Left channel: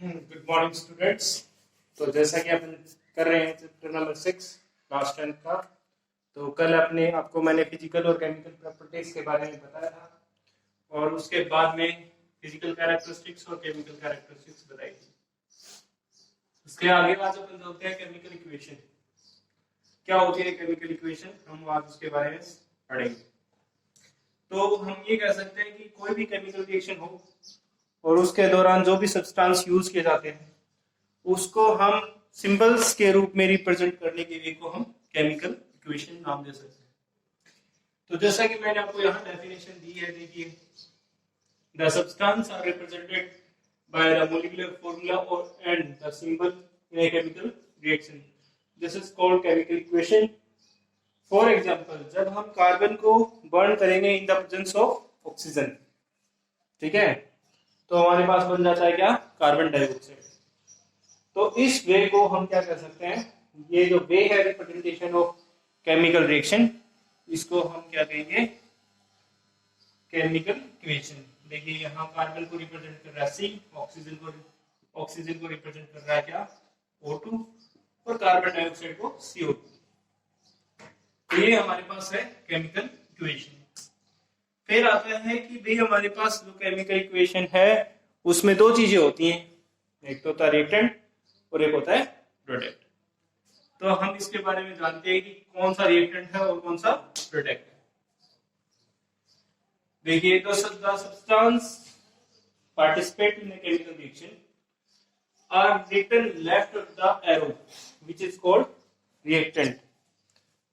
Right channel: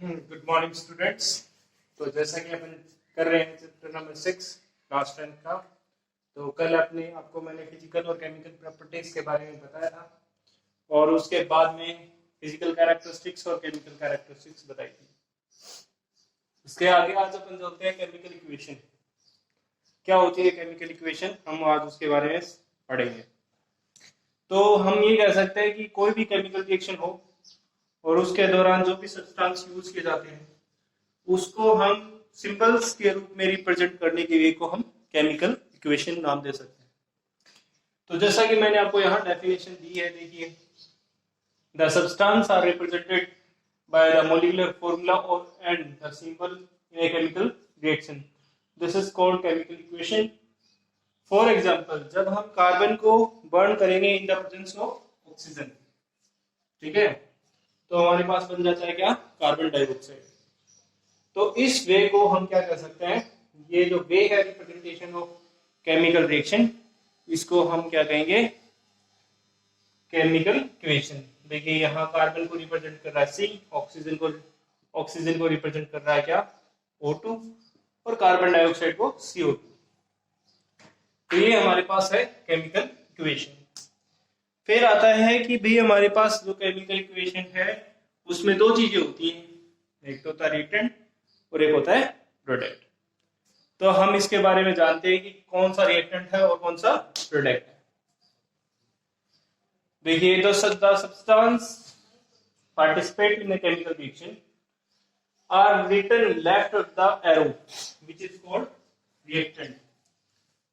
Good morning students. तो जैसा कि अपन कर रहे हैं चैप्टर नंबर 6 क्लास 10 का। तो कल आपको मैंने फिजिकल और केमिकल प्रॉपर्टीज के बारे में बताया था और उसके बाद में फिजिकल कैरेक्टरिस्टिक्स और केमिकल कैरेक्टरिस्टिक्स बताई थी। उसके आगे आज अपन चलते हैं केमिकल इक्वेशन। क्या होती है केमिकल इक्वेशन, हम आज उसके बारे में पढ़ेंगे। तो हम ये कह सकते हैं कि कोई भी केमिकल रिएक्शन हो और उसके दौरान जो भी सब्सटेंस यूज किए जाते हैं उसको हम सिंबल्स के रूप में रिप्रेजेंट करने के लिए को हम केमिकल इक्वेशन नाम दे सकते हैं। तो जैसा कि मैंने आपको यहाँ डेफिनेशन दी है, देखिए, the substance are represented by the molecular formula और and the symbol in a chemical reaction, this is called chemical equation. For example, जब हम कार्बन को बर्न करेंगे in the presence of oxygen, ठीक है, तो हमारे पास बन जाता है क्या, कार्बन डाइऑक्साइड। तो इस वे को हम क्या कर सकते हैं, ये जो वे है रिप्रेजेंटेशन ऑफ केमिकल रिएक्शन, इसको हम क्या कहेंगे, केमिकल इक्वेशन। देखिए यहाँ कार्बन को रिप्रेजेंट कर रहा है C, ऑक्सीजन को रिप्रेजेंट कर रहा है क्या, O2, और कार्बन डाइऑक्साइड को CO2। तो ये हमारे पास है केमिकल इक्वेशन। फिर आता है कि भाई हमारे पास जो केमिकल इक्वेशन है उसमें दो चीजें होती हैं, एक तो होता है रिएक्टेंट और एक होता है प्रोडक्ट। तो हम इसके बारे में जानते हैं कि कौन सा रिएक्टेंट है और कौन सा प्रोडक्ट है। देखिए, तो the substance participate in the chemical reaction are written left of the arrow which is called reactant.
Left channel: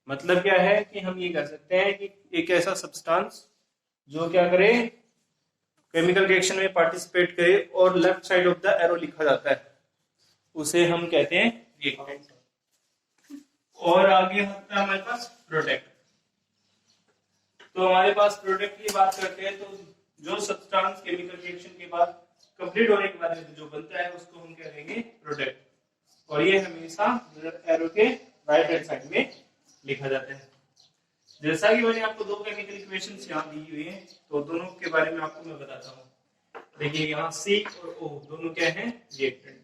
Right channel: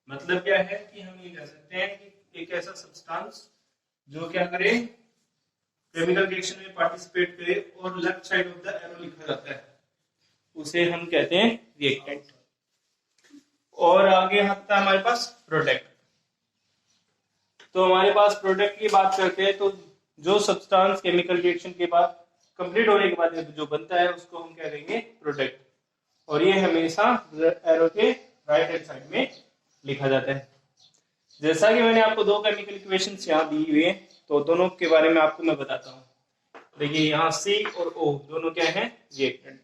मतलब क्या है कि हम ये कह सकते हैं कि एक ऐसा सब्सटेंस जो क्या करे, केमिकल रिएक्शन में पार्टिसिपेट करे और left side of the arrow लिखा जाता है, उसे हम कहते हैं रिएक्टेंट। और आगे आता है हमारे पास प्रोडक्ट। तो हमारे पास प्रोडक्ट की बात करते हैं तो जो सब्सटेंस केमिकल रिएक्शन के बाद कंप्लीट होने के बाद जो बनता है उसको हम क्या कहेंगे, प्रोडक्ट। और ये हमेशा एरो के राइट हैंड साइड में लिखा जाता है। जैसा कि मैंने आपको दो केमिकल इक्वेशंस यहाँ दी हुई है, तो दोनों के बारे में आपको मैं बताता हूँ। देखिए यहाँ C और O दोनों क्या है, रिएक्टेंट,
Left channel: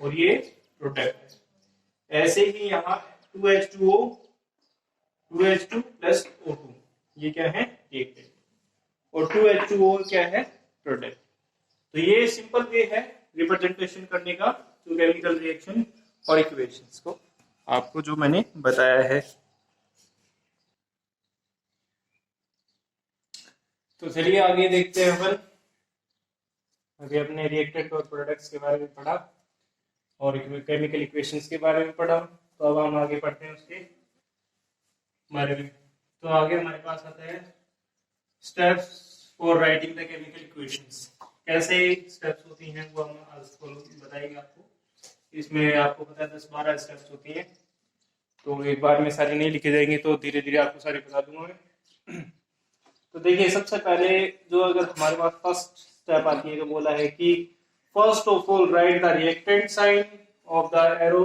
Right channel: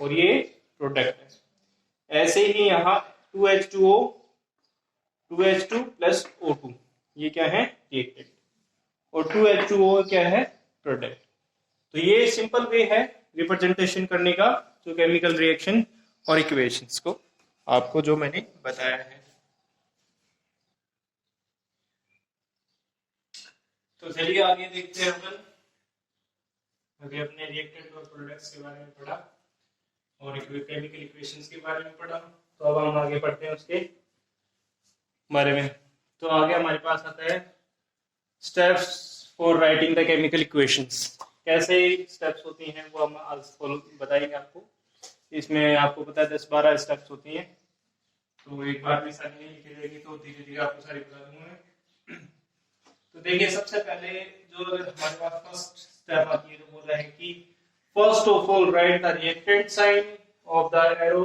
और ये प्रोडक्ट है। ऐसे ही यहाँ 2H2O 2H2 प्लस O2 ये क्या है, रिएक्टेंट, और 2H2O क्या है, प्रोडक्ट। तो ये सिंपल वे है रिप्रेजेंटेशन करने का जो केमिकल रिएक्शन और इक्वेशंस को आपको जो मैंने बताया है। तो चलिए आगे देखते हैं अपन। अभी अपने रिएक्टेंट और प्रोडक्ट्स के बारे में पढ़ा और केमिकल इक्वेशंस के बारे में पढ़ा, तो अब हम आगे पढ़ते हैं उसके बारे में। तो आगे हमारे पास आता है steps for writing the chemical equations. कैसे स्टेप्स होती हैं वो हम आज फॉलो बताएंगे आपको। इसमें आपको पता है 10-12 स्टेप्स होती हैं, तो एक बार में सारी नहीं लिखे जाएंगे, तो धीरे धीरे आपको सारी बता दूंगा। तो देखिए, सबसे पहले जो अगर हमारे पास फर्स्ट स्टेप आती है तो बोला है कि first of all write the reactant sign of the arrow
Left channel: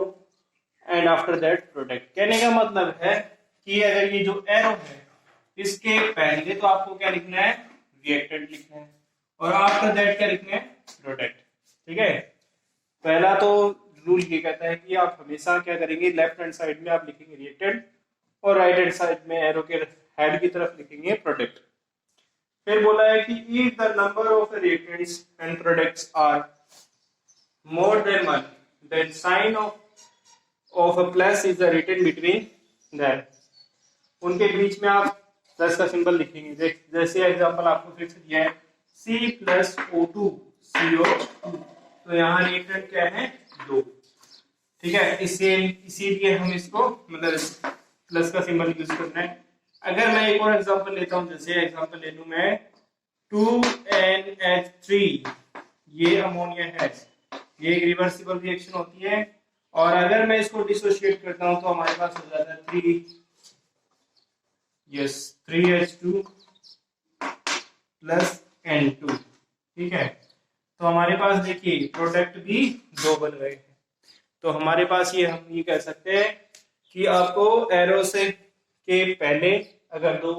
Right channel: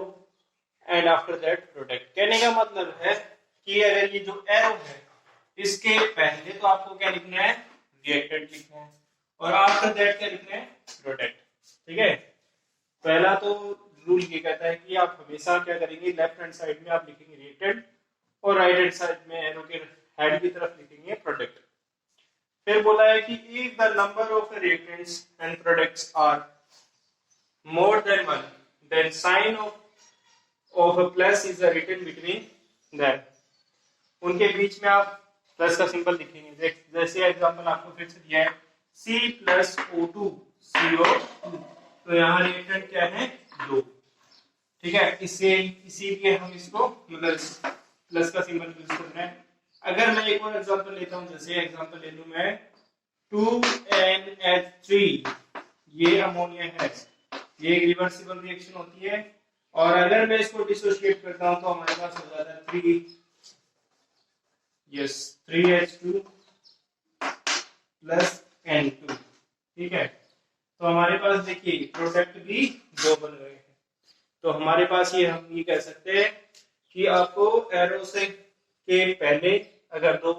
and after that product. कहने का मतलब है कि अगर ये जो एरो है इसके पहले तो आपको क्या लिखना है, रिएक्टेंट लिखना है, और आफ्टर दैट क्या लिखना है, प्रोडक्ट। ठीक है, पहला तो रूल ये कहता है कि आप हमेशा क्या करेंगे, लेफ्ट हैंड साइड में आप लिखेंगे रिएक्टेंट और राइट हैंड साइड में एरो के हेड की तरफ लिखेंगे प्रोडक्ट। फिर बोला है कि if the number of reactants and products are more than one, then sign of a plus is written between them। उनके बीच में आप प्लस का सिंबल लिखेंगे। जैसे एग्जांपल आपको फिर से दिया है C प्लस O2 CO2, तो यहाँ रिएक्टेंट क्या है, 2। ठीक है, इसीलिए हम इसको मतलब प्लस का सिंबल यूज करना है। अगर मैं एक और एग्जांपल लेता हूं, जैसे एग्जांपल ले लूं मैं 2NH3, ये अमोनिया है, ये एक रिवर्सिबल रिएक्शन होती है, और अगर मैं इसको डिसोसिएट करता हूं तो हमारे पास हो जाता है 3H2 प्लस N2। ठीक है, तो हमारे पास देखिए प्रोडक्ट भी 2 बन गए हैं। तो हमारे पास ये हम ये कह सकते हैं कि आपको एरो से के पहले अगर 2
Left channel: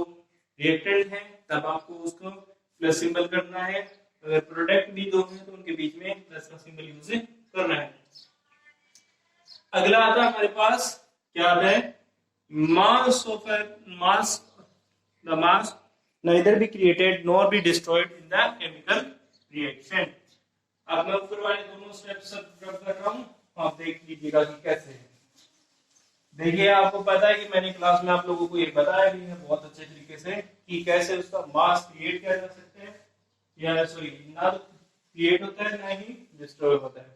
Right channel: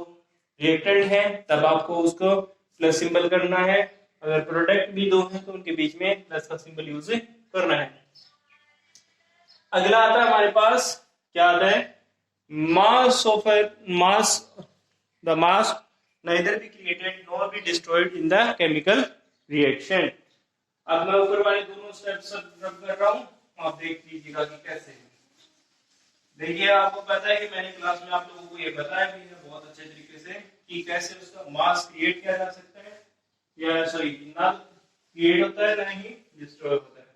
रिएक्टेंट है तब आपको उसको प्लस सिंबल करना है, अगर प्रोडक्ट भी दो है तो उनके बीच में प्लस का सिंबल यूज करना है। अगला आता है हमारे पास, क्या आता है, mass of mass, the mass neither be created nor be destroyed in the chemical reaction। अब मैं ऊपर वाले दोनों स्टेप्स रब कर रहा हूं, आप देख लीजिएगा कि कैसे। देखिए आपको पता है कि मैंने क्लास में आप लोगों को ये बताया भी है बहुत अच्छे तरीके से कि कैसे उसका मास क्रिएट किया जा सकता है, या सॉरी ना क्रिएट होता है ना ही डिस्ट्रॉय होता है।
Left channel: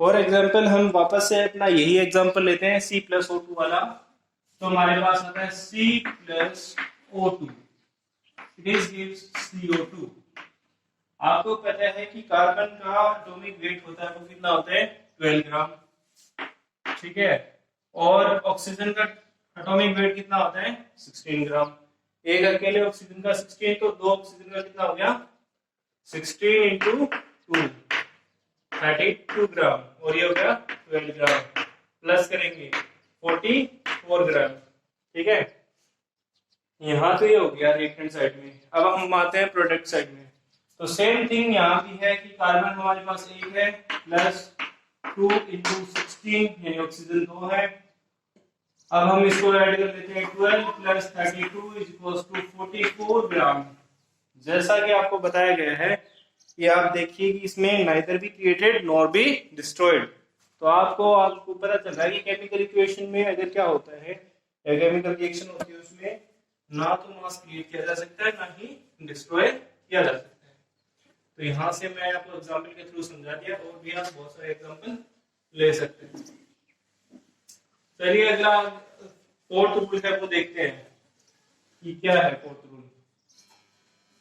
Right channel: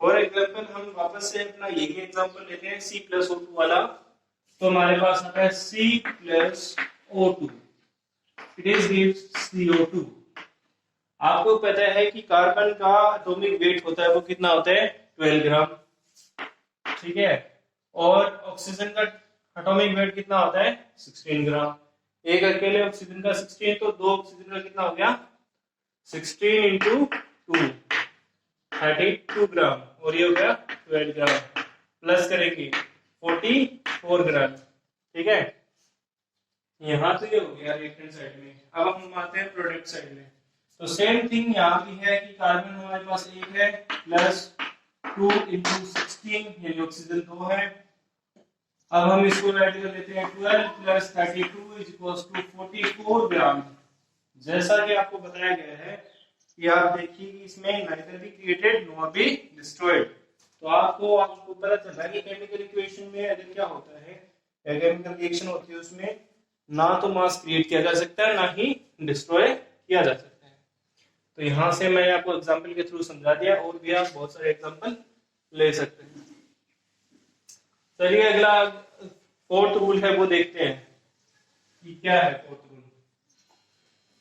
फॉर एग्जाम्पल हम वापस से अपना यही एग्जाम्पल लेते हैं C+O2 वाला। तो हमारे पास आता है C+O2, it is gives CO2। आपको पता है कि कार्बन का एटॉमिक वेट होता है वो कितना होता है, 12 ग्राम, ठीक है, और ऑक्सीजन का एटॉमिक वेट कितना होता है, 16 ग्राम। एक अकेले ऑक्सीजन का 16, तो दो ऑक्सीजन का कितना हो गया, 16 इंटू 2 32 ग्राम, और ये हो गया 12 ग्राम, प्लस करेंगे 44 ग्राम, ठीक है। यहाँ तो ये हो गया रिएक्टेंट साइड में। अब हम आते हैं प्रोडक्ट साइड में। तो सेम थिंग यहाँ भी है कि कार्बन हमारे पास एक है, प्लस 2 इंटू 16 यानी ऑक्सीजन 2 है। अब हम इसको ऐड कर लेते हैं, 12 प्लस 32 इज इक्वल्स टू 44 ग्राम। जैसा कि आपको बताया गया है कि आप देखिए कि इसमें neither be created nor be destroyed. तो आपको पता चल रहा है कि केमिकल इक्वेशन में अगर क्या होता है, केमिकल रिएक्शन होती है उसमें ना तो मास क्रिएट किया जा सकता है ना ही डिस्ट्रॉय किया जा सकता है। तो यहां से मैं आपको एग्जांपल के थ्रू समझा दिया, और भी आप बहुत सारे एग्जांपल ले सकते हैं। चलिए अगला फोर्थ रूल है वो देखते हैं कि क्या है फोर्थ रूल।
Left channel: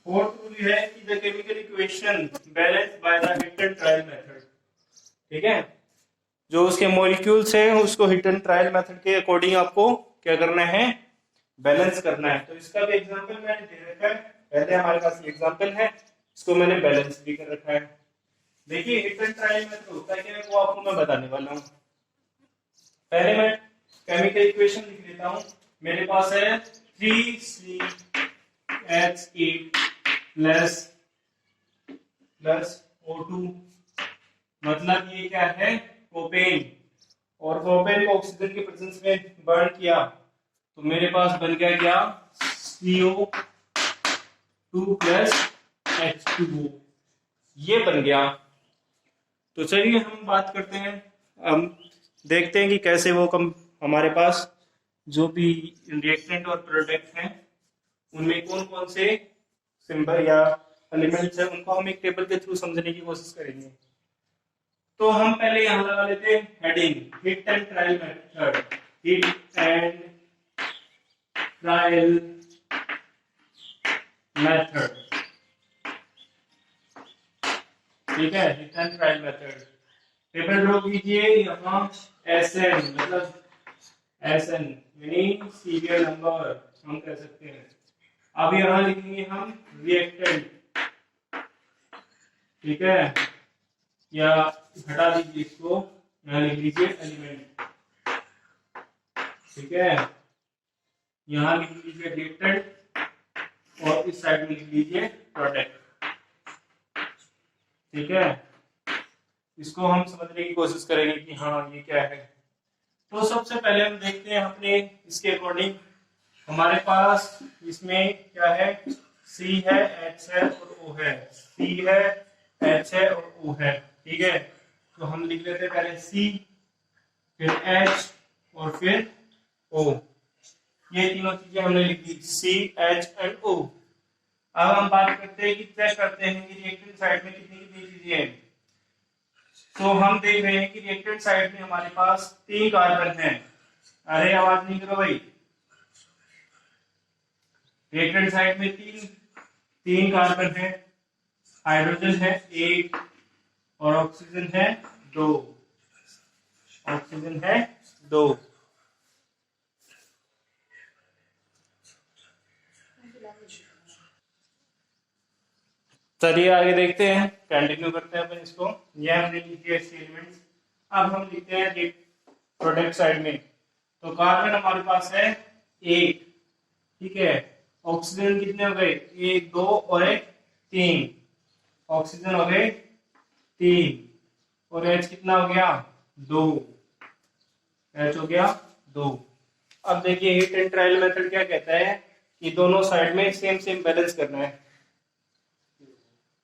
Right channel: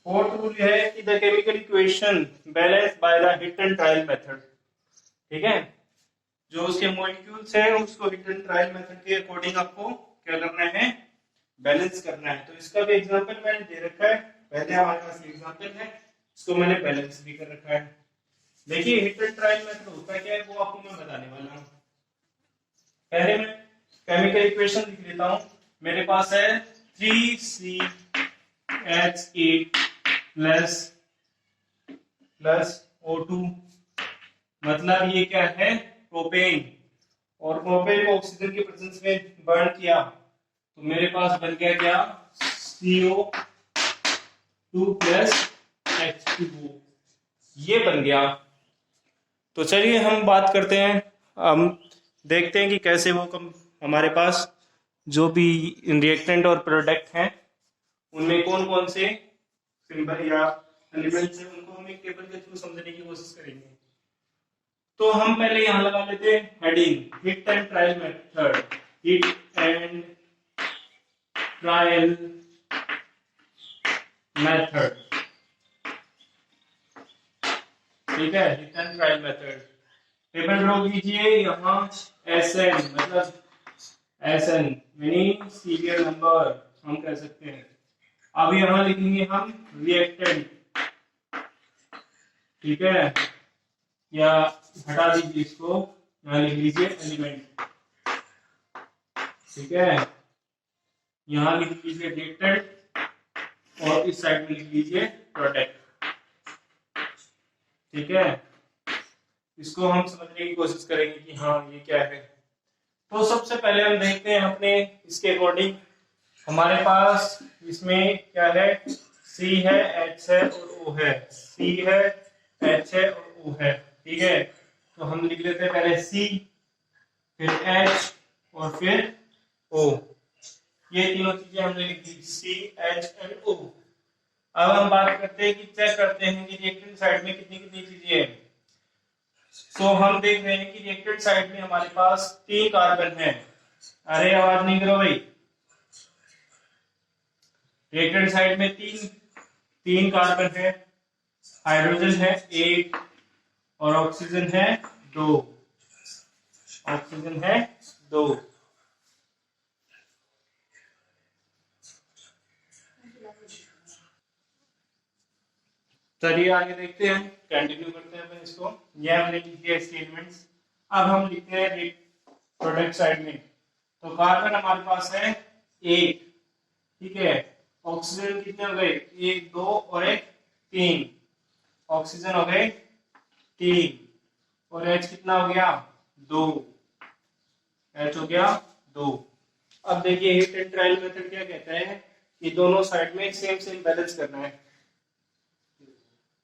फोर्थ रूल है कि the chemical equation balance by the hit and trial method, ठीक है। जो उसके मॉलिक्यूल्स हैं उसको हिट एंड ट्रायल मेथड के अकॉर्डिंग आपको क्या करना है, बैलेंस करना है। तो इसका भी एग्जांपल मैंने दे रखा है, पहले हमारे पास एग्जांपल है, इसको मैंने बैलेंस भी कर रखा है। देखिए हिट एंड ट्रायल मेथड होता है क्या है वो आपको मैं बताने वाला हूँ। पहले मैं केमिकल इक्वेशन लिख लेता हूँ। मेरे पास है 3CH8 प्लस O2, मतलब ये क्या है, प्रोपेन, और प्रोपेन को ऑक्सीजन के प्रेजेंस में बर्न किया तो मेरे पास बन गया क्या, CO2 प्लस H2O, ये बन गया। तो चलिए हम बात करते हैं, हम देखते हैं कि कैसे वो हमारे पास जो भी रिएक्टेंट और प्रोडक्ट हैं उनमें कौन कौन से सिंबल या एलिमेंट्स हैं, उनको हम एक टेबल के थ्रू समझने की कोशिश करेंगे। तो हम पहले यहां लगा लेते हैं heading, hit and trial method, hit and trial method, ठीक है, hit and trial method. Table draw कीजिए, यहाँ SN मतलब SN यानी सीरियल नंबर हम कह सकते हैं। अब यहाँ लिखेंगे हम रिएक्टेंट, ठीक है, या हटा दीजिए इसको, यहाँ लिख लीजिए एलिमेंट, ठीक है, यहाँ लिख लीजिए रिएक्टेंट और इस साइड में लिख लीजिए प्रोडक्ट, ठीक है। इसको हम समझने की कोशिश करेंगे कि हाँ ये क्या है। तो सबसे पहले हम देखते हैं अपने इसके अकॉर्डिंग, हमारे पास इसमें क्या है, C है, H है और O है, C है, H है और O है, ठीक है। तो हम लिख लेते हैं पहले C, फिर H और फिर O, ये तीनों चीजें हमने लिख दी, C, H एंड O। अब हम बात करते हैं कि चेक करते हैं कि रिएक्टेंट साइड में कितनी कितनी चीजें हैं। तो हम देख रहे हैं कि रिएक्टेंट साइड में हमारे पास 3 कार्बन है। अरे आवाज नहीं करो भाई। रिएक्टेंट साइड में तीन कार्बन है, हाइड्रोजन है 1 और ऑक्सीजन है 2, ऑक्सीजन है 2। चलिए आगे देखते हैं, कंटिन्यू करते हैं अपन इसको। ये हमने लिख दिया इसके एलिमेंट्स। अब हम लिखते हैं प्रोडक्ट साइड में। तो कार्बन हमारे पास है 1, ठीक है, ऑक्सीजन कितने हो गए, 1 2 और 1 3, ऑक्सीजन हो गए 3 और H कितना हो गया 2, H हो गया 2। अब देखिए हीट एंड ट्रायल मेथड क्या कहता है कि दोनों साइड में सेम सेम बैलेंस करना है।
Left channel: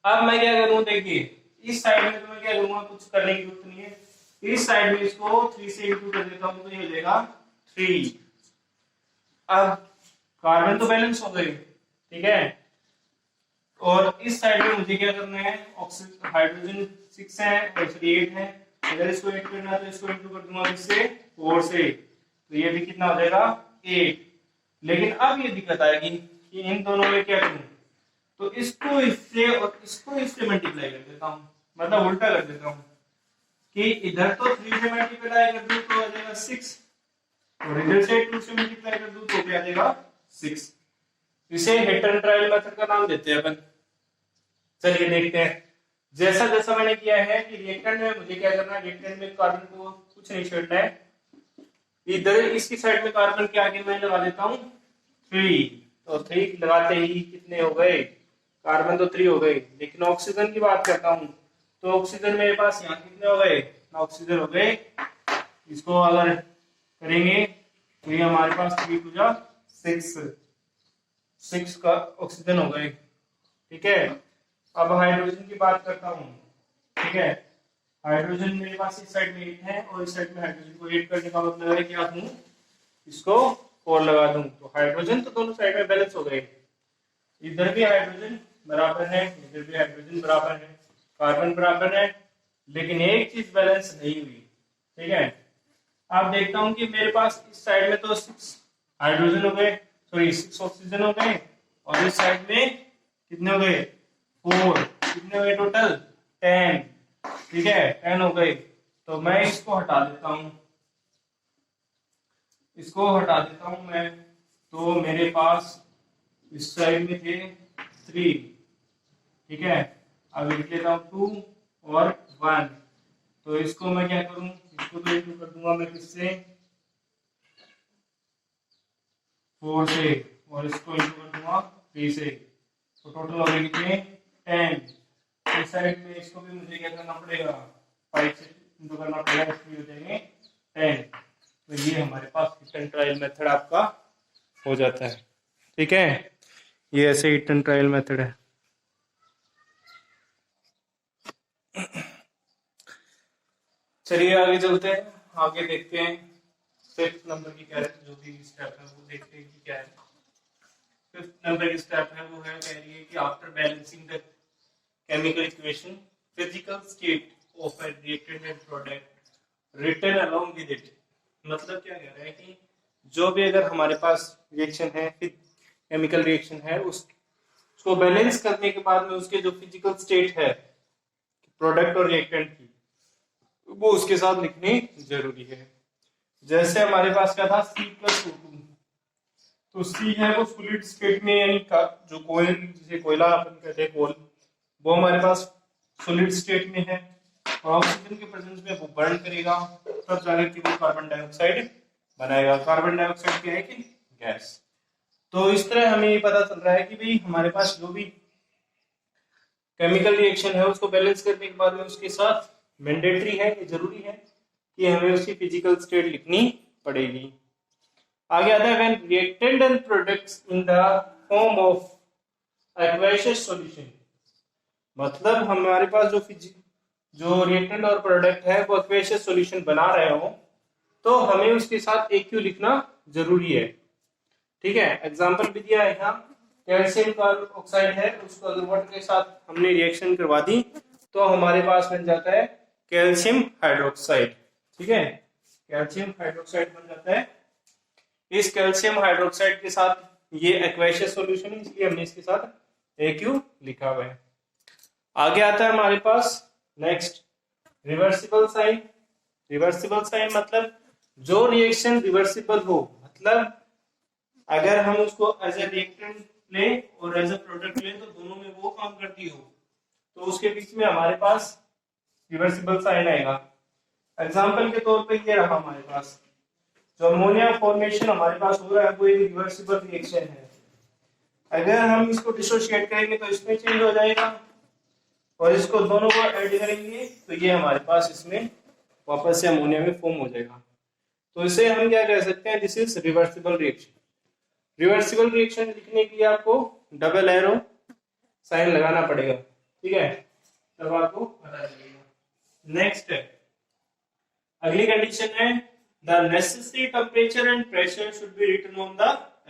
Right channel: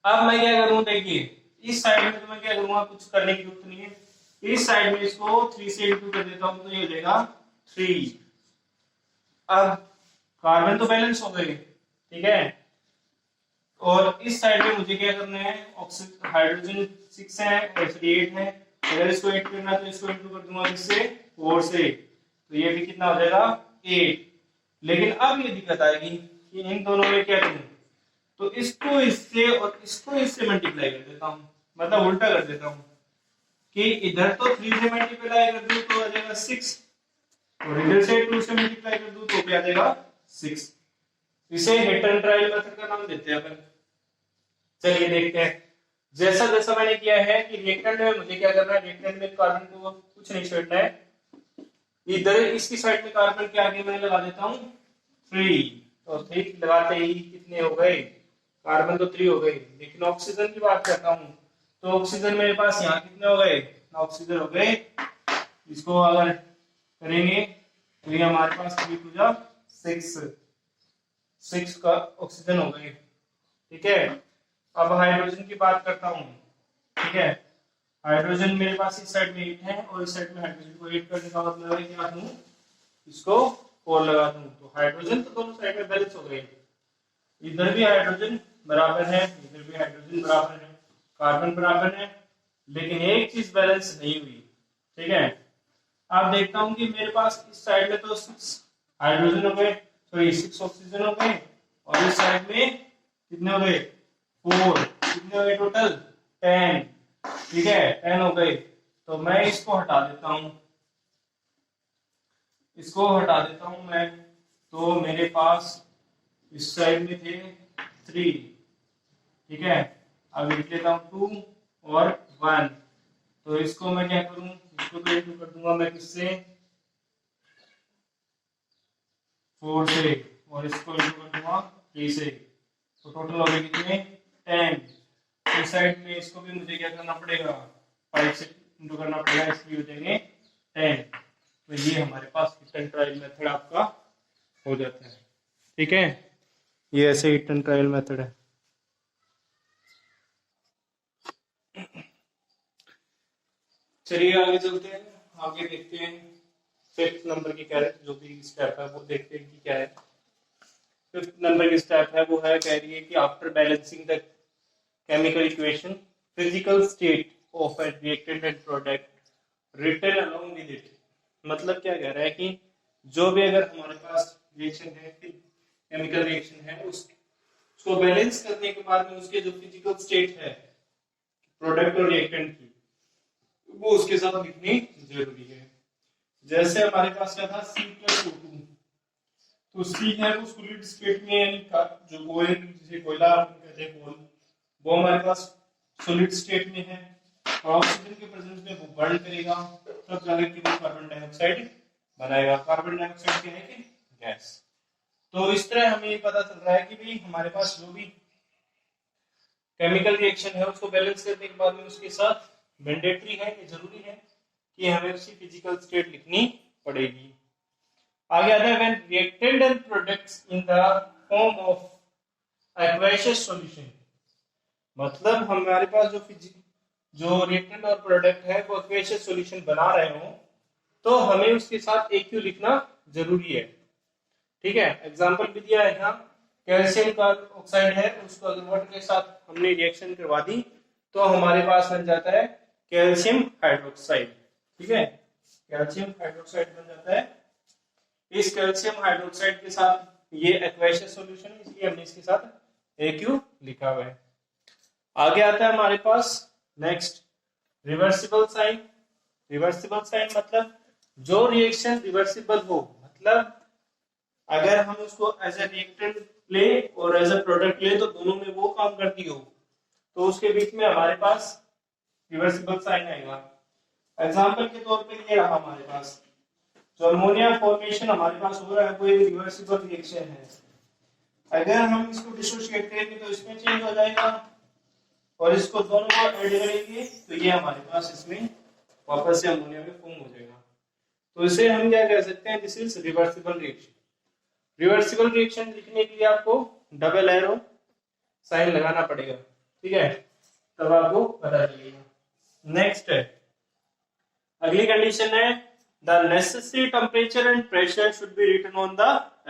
अब मैं क्या करूं, देखिए इस साइड में तो मैं क्या करूंगा, कुछ करने की जरूरत नहीं है, इस साइड में इसको 3 से इंटू कर देता हूं तो ये हो जाएगा 3। अब कार्बन तो बैलेंस हो गए, ठीक है, और इस साइड में मुझे क्या करना है, ऑक्सीजन हाइड्रोजन 6 है, एक्चुअली 8 है, अगर इसको 8 करना है तो इसको इंटू कर दूंगा किससे 4 से, तो ये भी कितना हो जाएगा 8। लेकिन अब ये दिक्कत आएगी कि इन दोनों में क्या करूं, तो इसको इससे और इसको इससे मल्टीप्लाई कर देता हूं, मतलब उल्टा कर देता हूं कि इधर तो 3 से मल्टीप्लाई कर दूं तो आ जाएगा 6 और इधर से 2 से मल्टीप्लाई कर दूं तो भी आ जाएगा 6। इसे हिट एंड ट्रायल मेथड का नाम देते हैं अपन। चलिए देखते हैं, जैसा जैसा मैंने किया है कि रिएक्टेंट में मुझे क्या करना है, रिएक्टेंट में कार्बन को कुछ नहीं छोड़ना है, इधर इसकी साइड में कार्बन के आगे मैं लगा देता हूं 3, तो 3 लगाते ही कितने हो गए, कार्बन तो 3 हो गए। लेकिन ऑक्सीजन की बात करता हूं तो ऑक्सीजन मेरे पास यहाँ कितने हो गए, ऑक्सीजन हो गए, इसको अगर करेंगे तो ये हमारे पास 3 टू जा 6 का ऑक्सीजन हो गए, ठीक है। अब हाइड्रोजन की बात करता हूं, ठीक है, हाइड्रोजन मेरे पास इस साइड में 8 है और इस साइड में हाइड्रोजन को 8 करने का मतलब है क्या दूं, इसको 4 लगा दूं, तो हाइड्रोजन तो दोनों साइड में बैलेंस हो गए, इधर भी हाइड्रोजन बराबर है, इधर भी हाइड्रोजन बराबर है, कार्बन बराबर है, लेकिन एक चीज बैलेंस नहीं हुई, ठीक है। अब देखता हूं कि मेरे पास इस साइड में तो 6 हाइड्रोजन हो गए, सॉरी 6 ऑक्सीजन हो गए, और इस साइड में कितने हो गए 4, कितने हो गए टोटल 10, ठीक है 10 हो गए। तो मैं इसको हटा देता हूं, इसको हटा देता हूं मैं, तो मेरे पास इस साइड में थे 3, ठीक है, अब लिख लेता हूं 2 और 1, तो इसको मैं क्या करूं, इसको तो इंटू कर दूंगा मैं किससे 4 से, और इसको इंटू कर दूंगा 3 से, तो टोटल हो गए कितने 10। इस साइड में इसको भी मुझे क्या करना पड़ेगा 5 से इंटू करना पड़ेगा, इसलिए हो जाएंगे 10। तो ये हमारे पास हिट एंड ट्रायल मेथड आपका हो जाता है, ठीक है, ये ऐसे हिट एंड ट्रायल मेथड है। चलिए आगे चलते हैं, आगे देखते हैं 5th नंबर की क्या है, जो भी स्टेप है वो देखते हैं कि क्या है। 5th नंबर की स्टेप है वो है, कह रही है कि after balancing the chemical equation physical state of a reactant and product written along with it, मतलब क्या कह रहा है कि जो भी अगर हमारे पास रिएक्शन है, केमिकल रिएक्शन है, उसको बैलेंस करने के बाद में उसके जो फिजिकल स्टेट है प्रोडक्ट और रिएक्टेंट की, वो उसके साथ लिखनी जरूरी है। जैसे हमारे पास क्या था C+O2, तो C है वो सॉलिड स्टेट में, यानी जो कोयल, जिसे कोयला अपन कहते हैं कोल, वो हमारे पास सॉलिड स्टेट में है, और ऑक्सीजन के प्रेजेंस में वो बर्न करेगा, तब जाकर के वो कार्बन डाइऑक्साइड बनाएगा। कार्बन डाइऑक्साइड क्या है कि गैस। तो इस तरह हमें ये पता चल रहा है कि भाई हमारे पास जो भी केमिकल रिएक्शन है उसको बैलेंस करने के बाद में उसके साथ मैंडेटरी है, ये जरूरी है कि हमें उसकी फिजिकल स्टेट लिखनी पड़ेगी। आगे आता है when reactant and products in the form of aqueous solution, मतलब हमारे पास जो रिएक्टेंट और प्रोडक्ट है वो एक्वेशियस सॉल्यूशन बना रहे हो तो हमें उसके साथ AQ लिखना जरूरी है, ठीक है। एग्जांपल भी दिया है यहाँ, कैल्शियम का ऑक्साइड है, उसको अगर वाटर के साथ हमने रिएक्शन करवा दी तो हमारे पास बन जाता है कैल्शियम हाइड्रोक्साइड, ठीक है, कैल्शियम हाइड्रोक्साइड बन जाता है। इस कैल्शियम हाइड्रोक्साइड के साथ ये एक्वेशियस सॉल्यूशन है, इसलिए हमने इसके साथ AQ लिखा हुआ है। आगे आता है हमारे पास next reversible sign. Reversible sign मतलब जो रिएक्शन रिवर्सिबल हो, मतलब अगर हम उसको एज ए रिएक्टेंट ले और एज ए प्रोडक्ट ले तो दोनों में वो काम करती हो, तो उसके बीच में हमारे पास रिवर्सिबल साइन आएगा। एग्जांपल के तौर पे ये रहा हमारे पास, जो अमोनिया फॉर्मेशन हमारे पास हो रहा है वो एक रिवर्सिबल रिएक्शन है। अगर हम इसको डिसोशिएट करेंगे तो इसमें चेंज हो जाएगा, और इसको दोनों को ऐड करेंगे तो ये हमारे पास इसमें वापस से अमोनिया में फॉर्म हो जाएगा। तो इसे हम क्या कह सकते हैं, this is reversible reaction. Reversible reaction लिखने के लिए आपको डबल एरो साइन लगाना पड़ेगा, ठीक है, तब आपको पता चलेगा। नेक्स्ट है, अगली कंडीशन है the necessary temperature and pressure should be written on the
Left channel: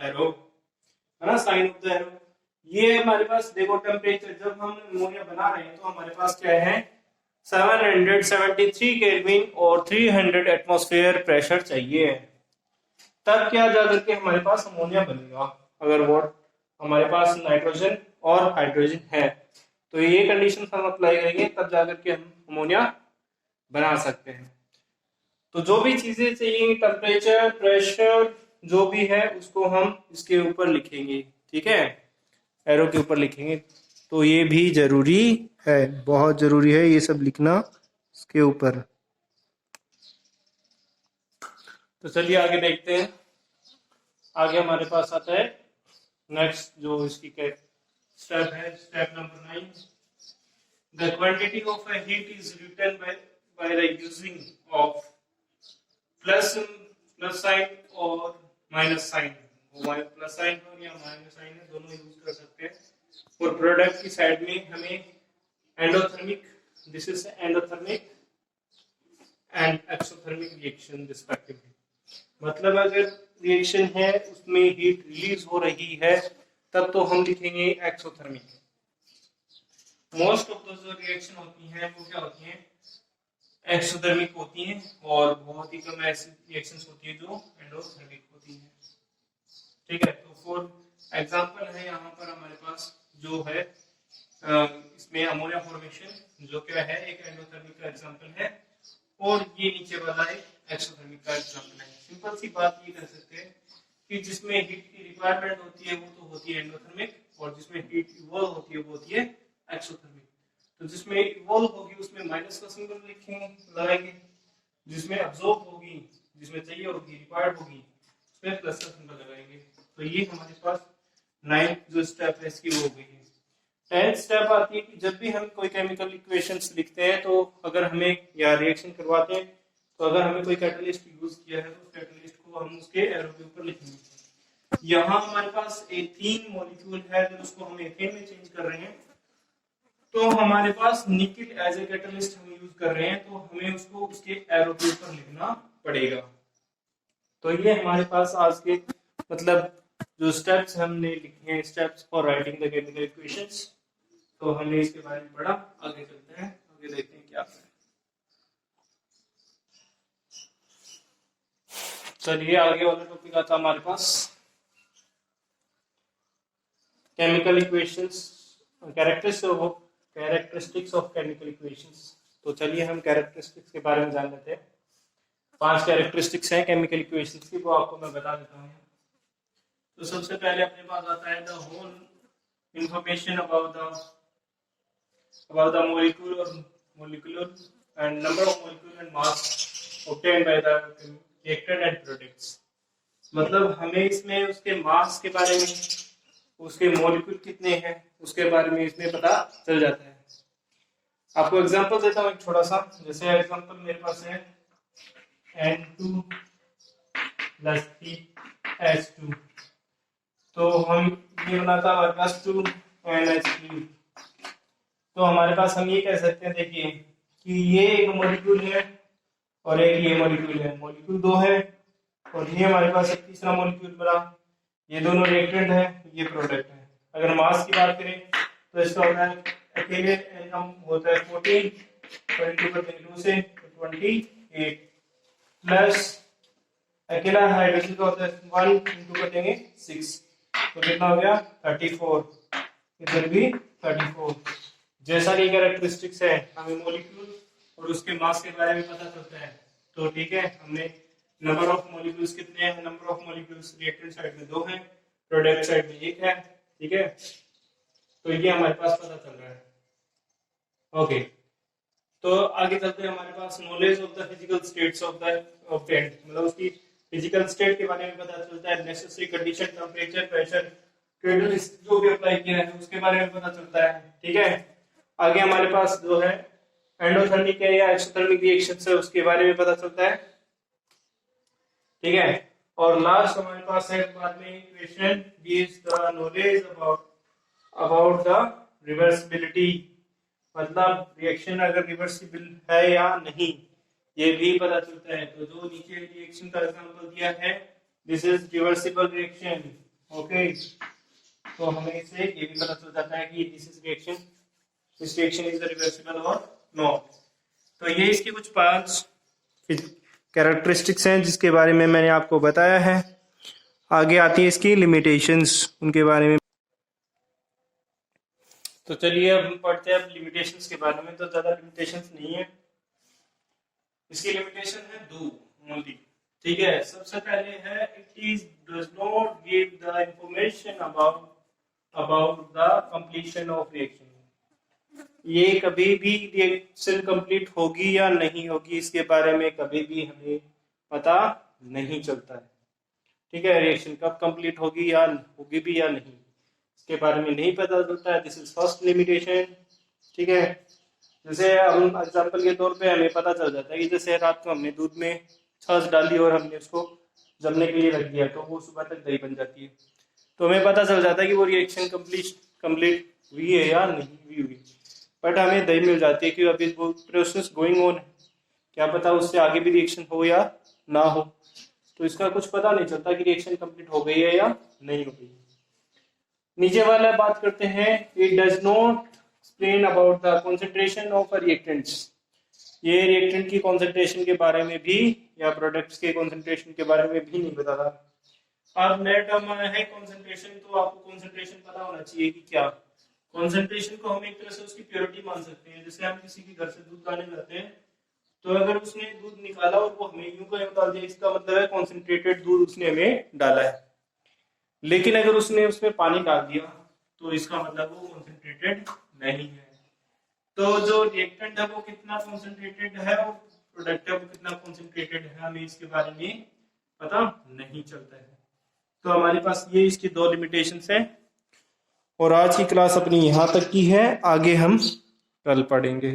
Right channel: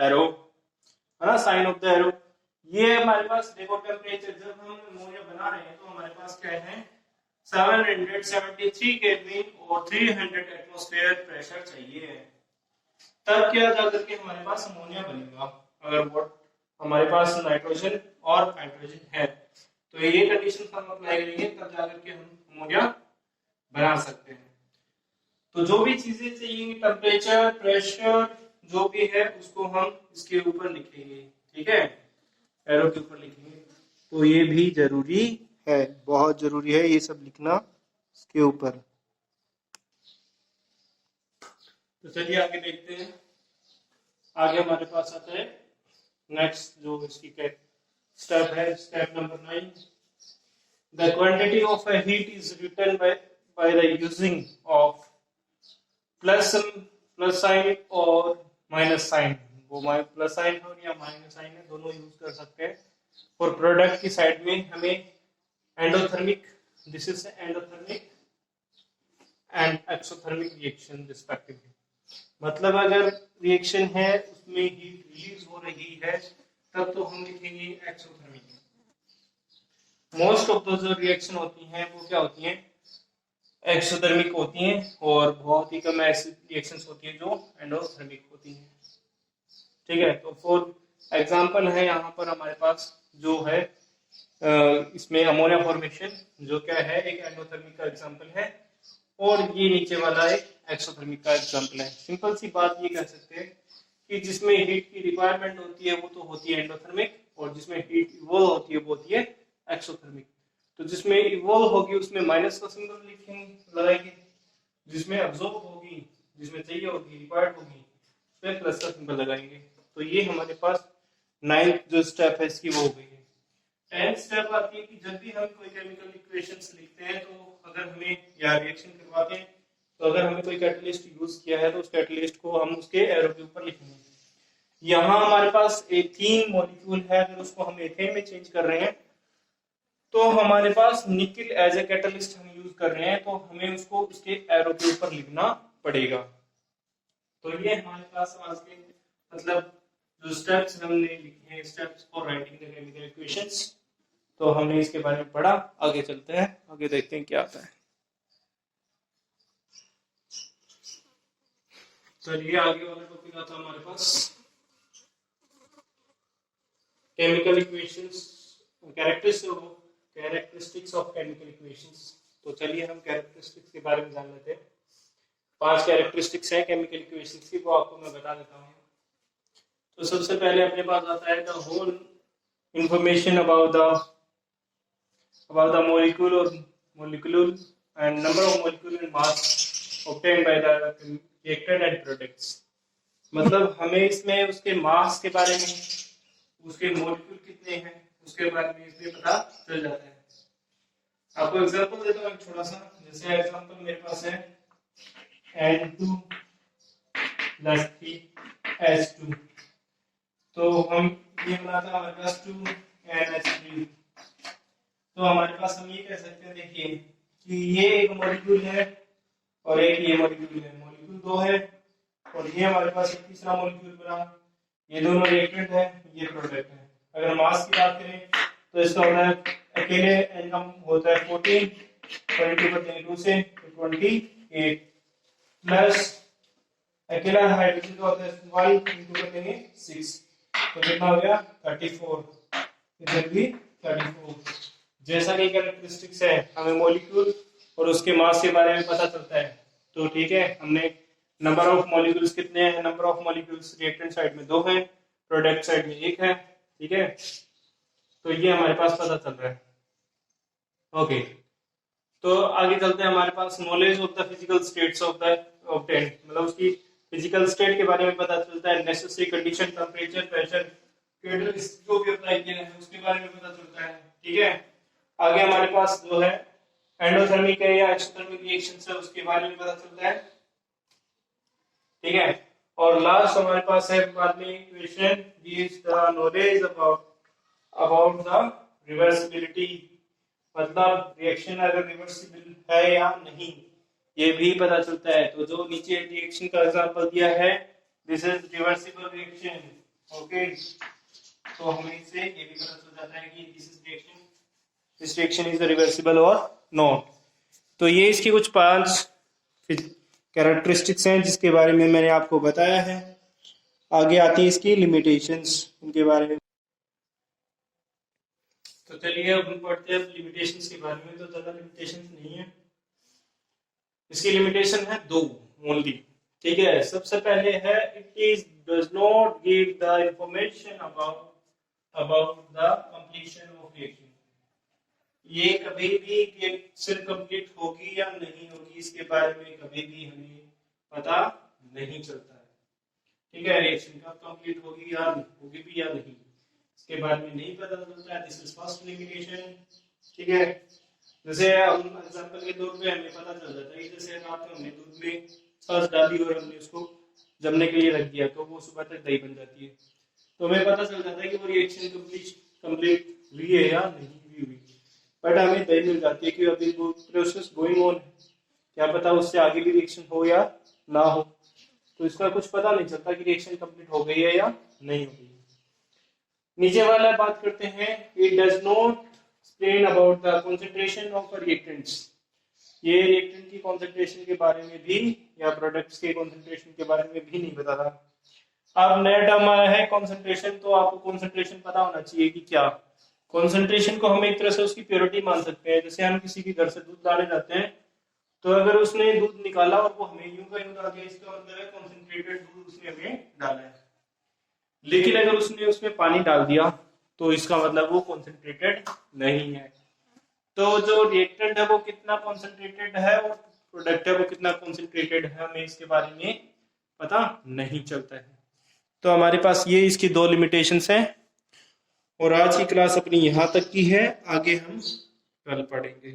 arrow, है ना, साइन ऑफ द एरो। ये हमारे पास देखो टेम्परेचर, जब हम अमोनिया बना रहे हैं तो हमारे पास क्या है, 773 केल्विन और 300 एटमॉस्फेयर प्रेशर चाहिए, तब क्या जाकर के हमारे पास अमोनिया बनेगा। अगर वो हमारे पास नाइट्रोजन और हाइड्रोजन है तो ये कंडीशन हम अप्लाई करेंगे, तब जाकर के हम अमोनिया बना सकते हैं। तो जो भी चीजें चाहिए, टेम्परेचर, प्रेशर, जो भी है उसको हम इसके ऊपर लिखेंगे, ठीक है, एरो के ऊपर लिखेंगे। तो ये भी जरूरी है, बहुत जरूरी है ये सब लिखना इसके ऊपर। तो चलिए आगे देखते हैं। आगे हमारे पास आता है नेक्स्ट जो इसकी स्टेप है, step number 9। The quantity of a heat is written by the using of plus sign और माइनस साइन। वो प्लस साइन हो या माइनस साइन है, दोनों यूज कर सकते हैं। और प्रोडक्ट की साइड में हमें endothermic, this is endothermic and exothermic reaction respectively. मतलब अगर रिएक्शन है उसमें हीट रिलीज हो रही है तब तो हम लिखेंगे एक्सोथर्मिक। मोस्ट ऑफ जो रिएक्शन होती हैं वो क्या होती हैं, एक्सोथर्मिक होती हैं, और बहुत ही कम ऐसी रिएक्शंस होती हैं जो एंडोथर्मिक होती हैं, ठीक है। तो फॉर एग्जांपल है यहाँ पर हमारे पास जो है इसमें अमोनिया फॉर्मेशन जो क्या है एक एंडोथर्मिक का एग्जांपल है, और ये नीचे वाला एक एक्सोथर्मिक का एग्जांपल है। सिंपल सी बात ये कह सकते हैं कि जिसमें हीट की रिक्वायरमेंट होती है वो तो होती है एंडोथर्मिक, और जिसमें हीट इवॉल्व होती है वो होती है एक्सोथर्मिक। तो जिसमें इवॉल्व होगी उसमें माइनस का सिंबल लिखेंगे, लगाएंगे, जिसमें अब्जॉर्ब होगी, जिसमें चाहिए होगी, रिक्वायर्ड होगी, उसमें प्लस का सिंबल लगाएंगे। तो ये हमारे पास 9th जो स्टेप है इसकी वो हो गई है। 10th स्टेप आती है कि जब भी हम कोई केमिकल इक्वेशंस लिखते हैं तो अगर हमें या रिएक्शन करवाते हैं तो अगर हमें कोई कैटलिस्ट यूज किया है तो उस कैटलिस्ट को हम उसके एरो के ऊपर लिखेंगे। यहाँ हमारे पास एथीन मॉलिक्यूल है, अगर उसको हम एथेन में चेंज कर रहे हैं तो हमारे पास निकिल एज ए कैटलिस्ट हम यूज कर रहे हैं, तो हमें उसको उसके एरो के ऊपर लिखना पड़ेगा। तो ये हमारे पास आज के मतलब जो स्टेप्स हमने लिखे हैं, steps for writing the chemical equations, तो हमने इसके बारे में पढ़ा। आगे चलते हैं, आगे देखते हैं क्या आता है। चलिए आगे वाला टॉपिक आता है हमारे पास chemical equations, characteristics of chemical equations. तो चलिए हम कैरेक्टरिस्टिक्स के बारे में जान लेते हैं। 5 कैरेक्टरिस्टिक्स हैं केमिकल इक्वेशंस की, वो आपको मैं बता देता हूँ। तो सबसे पहले अपने पास आता है the whole information about the molecule or molecule and number of molecule and mass obtained by the reactant and products। मतलब हमें इसमें उसके मास के बारे में, उसके मॉलिक्यूल कितने हैं उसके बारे में इसमें पता चल जाता है। आपको एग्जांपल देता हूँ एक छोटा सा। जैसे एग्जांपल मेरे पास है N2 + 3H2, तो हम ये बनाता हमारे पास 2NH3। तो हमारे पास हम ये कह सकते हैं, देखिए कि ये एक मॉलिक्यूल है और एक ये मॉलिक्यूल है, मॉलिक्यूल 2 है, और ये हमारे पास एक तीसरा मॉलिक्यूल बना, ये दोनों रिएक्टेंट है, ये प्रोडक्ट है। अगर मास की बात करें तो इसका होता है अकेले इनकम होता है 14 और इंटू करते हैं 2 से 28 प्लस अकेला हाइड्रोजन का होता है 1 इंटू कर देंगे 6, तो कितना हो गया 34, इधर भी 34। जैसा कि कैरेक्टरिस्टिक्स है हमें मॉलिक्यूल और उसके मास के बारे में पता चलता है, तो ठीक है, हमने नंबर ऑफ मॉलिक्यूल्स कितने हैं, number of molecules reactant side में 2 हैं, प्रोडक्ट साइड में 1 है, ठीक है। तो ये हमारे पास पता चल रहा है। ओके, तो आगे चलते हैं। हमारे पास knowledge of the physical states of the obtained, मतलब उसकी फिजिकल स्टेट के बारे में पता चलता है। Necessary condition, temperature, pressure, catalyst जो भी अप्लाई किया है उसके बारे में पता चलता है, ठीक है। आगे हमारे पास जो है एंडोथर्मिक है या एक्सोथर्मिक रिएक्शन है उसके बारे में पता चलता है, ठीक है। और लास्ट हमारे पास है बाद में equation gives the knowledge about the reversibility, मतलब रिएक्शन अगर रिवर्सिबल है या नहीं ये भी पता चलता है। तो जो नीचे रिएक्शन का एग्जांपल दिया है this is reversible reaction, okay. तो हमें इससे ये भी पता चल जाता है कि दिस रिएक्शन इज रिवर्सिबल और नॉट। तो ये इसकी कुछ 5 कैरेक्टरिस्टिक्स हैं जिसके बारे में मैंने आपको बताया है। आगे आती है इसकी लिमिटेशंस, उनके बारे में। तो चलिए अब हम पढ़ते हैं लिमिटेशंस के बारे में। तो ज्यादा लिमिटेशंस नहीं है, इसकी लिमिटेशन है 2 ओनली, ठीक है। सबसे पहले है it is does not give the information about the completion of reaction. ये कभी भी रिएक्शन कंप्लीट होगी या नहीं होगी इसके बारे में कभी भी हमें पता नहीं चलता है, ठीक है। रिएक्शन कब कंप्लीट होगी या होगी भी या नहीं इसके बारे में नहीं पता चलता है। दिस इज फर्स्ट लिमिटेशन, ठीक है। जैसे हम एग्जांपल के तौर पे हमें पता चल जाता है कि जैसे रात को हमने दूध में छाछ डाली और हमने उसको जमने के लिए रख दिया तो वो सुबह तक दही बन जाती है। तो हमें पता चल जाता है कि वो रिएक्शन कंप्लीट हुई है या नहीं हुई, बट हमें दही मिल जाती है कि अभी वो प्रोसेस गोइंग ऑन है, क्या पता उससे आगे भी रिएक्शन हो या ना हो। तो इसका कुछ पता नहीं चलता कि रिएक्शन कंप्लीट हो गई है या नहीं हो गई। नीचे वाला बात करते हैं, it does not explain about the concentration of reactants. ये रिएक्टेंट की कंसंट्रेशन के बारे में भी या प्रोडक्ट्स के कंसंट्रेशन के बारे में भी नहीं बताता। अब नया टर्म आया है कंसंट्रेशन, तो आपको कंसंट्रेशन पता होना चाहिए कि क्या कंसंट्रेशन को हम एक तरह से उसकी प्योरिटी मान सकते हैं। जैसे हम किसी के घर से दूध लाने जाते हैं तो अगर उसने दूध निकाला और वो हमें यूं का यूं डाल दिया इसका मतलब है कॉन्सेंट्रेटेड दूध उसने हमें डाला है। लेकिन अगर उसने उसमें पानी डाल दिया तो इसका मतलब वो कॉन्सेंट्रेटेड नहीं है। तो जो रिएक्टेंट है वो कितना कॉन्सेंट्रेटेड है और प्रोडक्ट है वो कितना कॉन्सेंट्रेटेड है हमें इसके बारे में पता नहीं चलता है। तो हमारे पास ये इसकी 2 लिमिटेशंस हैं और आज की क्लास अपनी यहाँ तक की है, आगे हम कल पढ़ेंगे।